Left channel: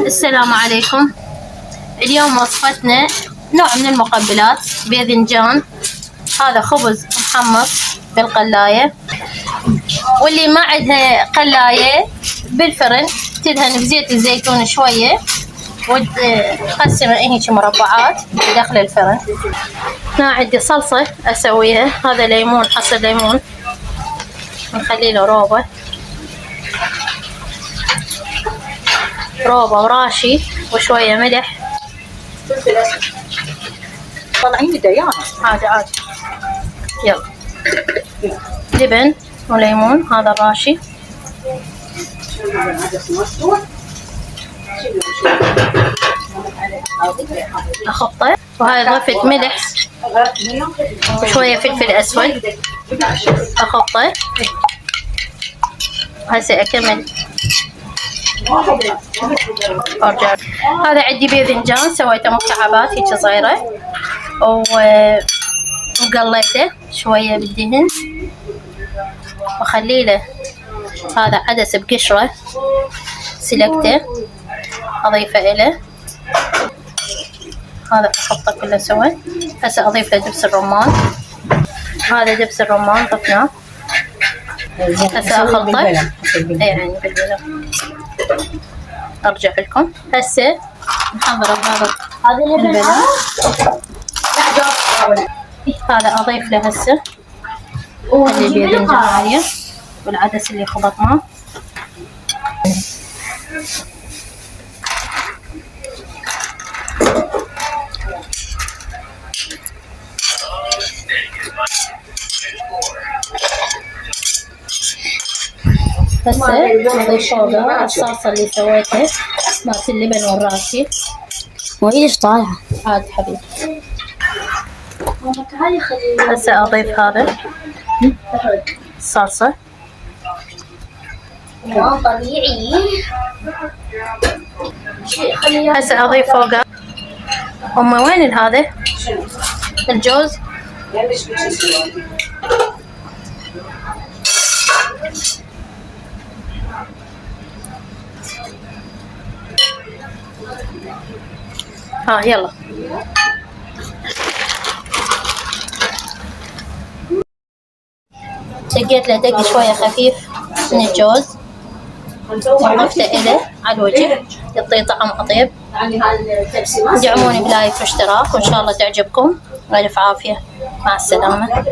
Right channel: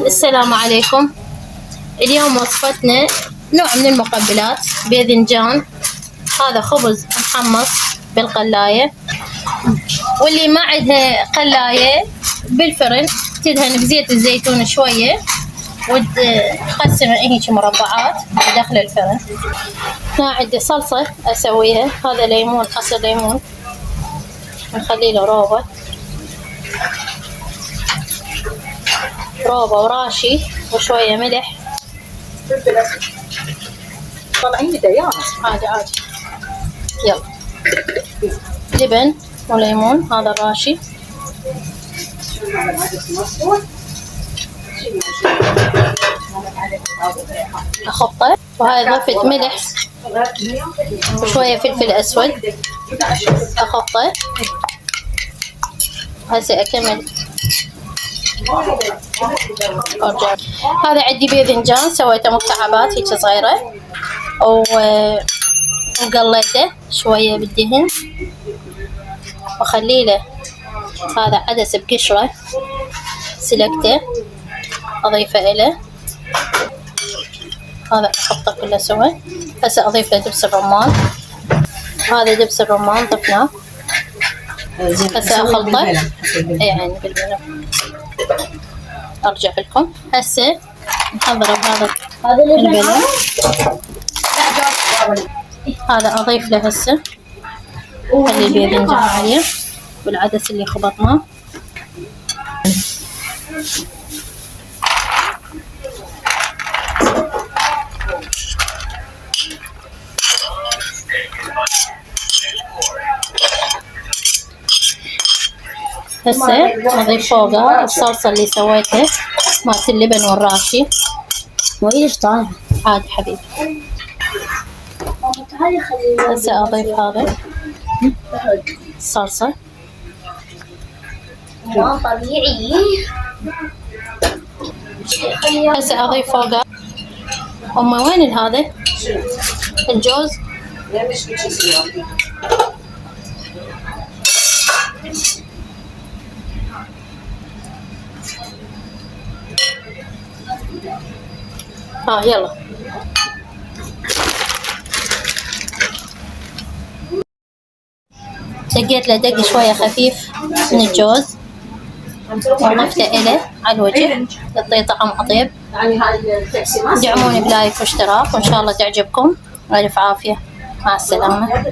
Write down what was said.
السلام عليكم. اليوم وصفتنا نوع من المقبلات، باذنجان. هذا خبز محمص بالقلاية، واللي ما عندها قلاية بالفرن تدهن بزيت الزيتون شوية وتقسمها هيك مربعات داخل الفرن. هنا عندي صلصة اسويها، هذا ليمون، عصير ليمون ونخلي له روبة وراشي وشوية ملح. طالعين ديان عادي. يلا لبن وليمون، هذا الراشي. اخبطه، وهاي ضفت ملح وشوية فلفل اسود. اخبطه. هسه اكمل ارجع. هذا عندي باذنجان سويته مكعبات هيك صغيرة وقليته شوية بالدهن وخلي له هذا عدس بقشرة سلقته اضيفه له. هذا احطه كله سوا. هسه اضيف له دبس الرمان، هذا دبس الرمان ضفناه. هسه اخلطه يعني بالبلة. ارجع لكم. هسه نحضر هذا البلة. هذا اضيف له هسه هذه الباذنجان والعدس اللي خبطناه. هسه نضيف فوقها الصلصة اللي سويتها مالت اللبن والراشي. وايش طالعة؟ عاد حبيبي. هسه اضيف هذا الصلصة طبيعي. هسه اضيف فوقها. وين هذا الجوز؟ يلا دقيت له دق شوية خفيف من الجوز وضفته إله على الوجه يعطيه طعم أطيب. دعموني بلايك واشتراك وإن شاء الله تعجبكم. ألف عافية، مع السلامة.